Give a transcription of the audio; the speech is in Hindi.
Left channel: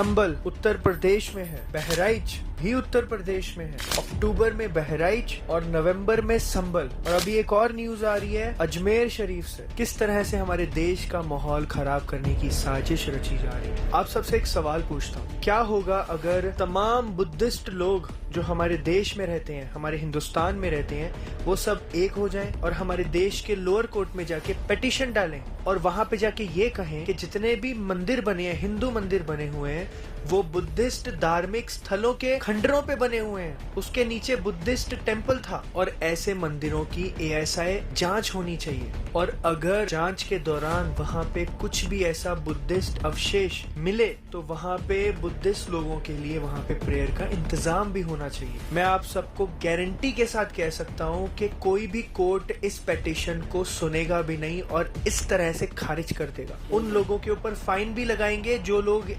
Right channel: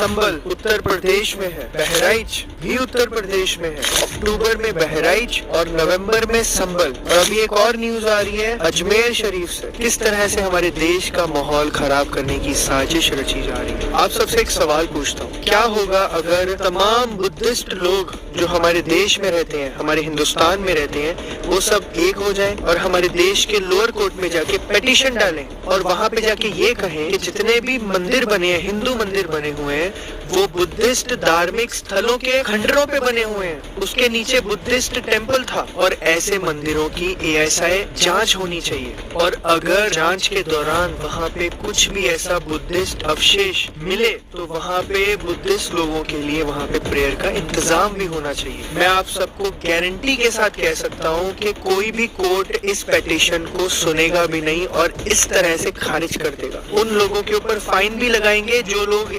संबल उत्तर प्रदेश में है, बहराइच भी उत्तर प्रदेश में है, अक्टूबर में बहराइच और नवंबर में संबल। और अभी एक और न्यूज आ रही है अजमेर शरीफ से। किस तरह से हमारे देश का माहौल खराब करने की साजिश रची जा रही है। आप सबसे एक सवाल पूछता हूँ, क्या होगा अगर तमाम बुद्धिस्ट लोग जो हमारे देश में रहते हैं, हमारे हिंदुस्तान में रहते हैं, वो सब एक हो जाएं और हमारे देश के लोअर कोर्ट में जाके पेटिशन डालें और वहां पे जाके ये कहें कि जितने भी मंदिर बने हैं, हिंदू मंदिर बने हुए हैं, वो बुद्धिस्ट धार्मिक स्थलों के खंडरों पे बने हुए हैं, उसके नीचे बुद्धिस्ट टेम्पल था। और ऐसे मंदिरों की ASI जांच होनी चाहिए और अगर जांच के दौरान वहाँ पे कुछ भी ऐसा बुद्धिस्ट अवशेष मिले तो वहाँ पे बुद्धिस्ट लोगों के लिए वहाँ पे प्रेयर का इंतजाम भी होना चाहिए। मैं आप सबको गारंटी के साथ कह सकता हूँ कि कोई भी कोर्ट इस पेटिशन को सुनेगा भी नहीं और इस तरह से खारिज कर देगा। उन लोगों के ऊपर फाइन भी लगाएंगे जो लोग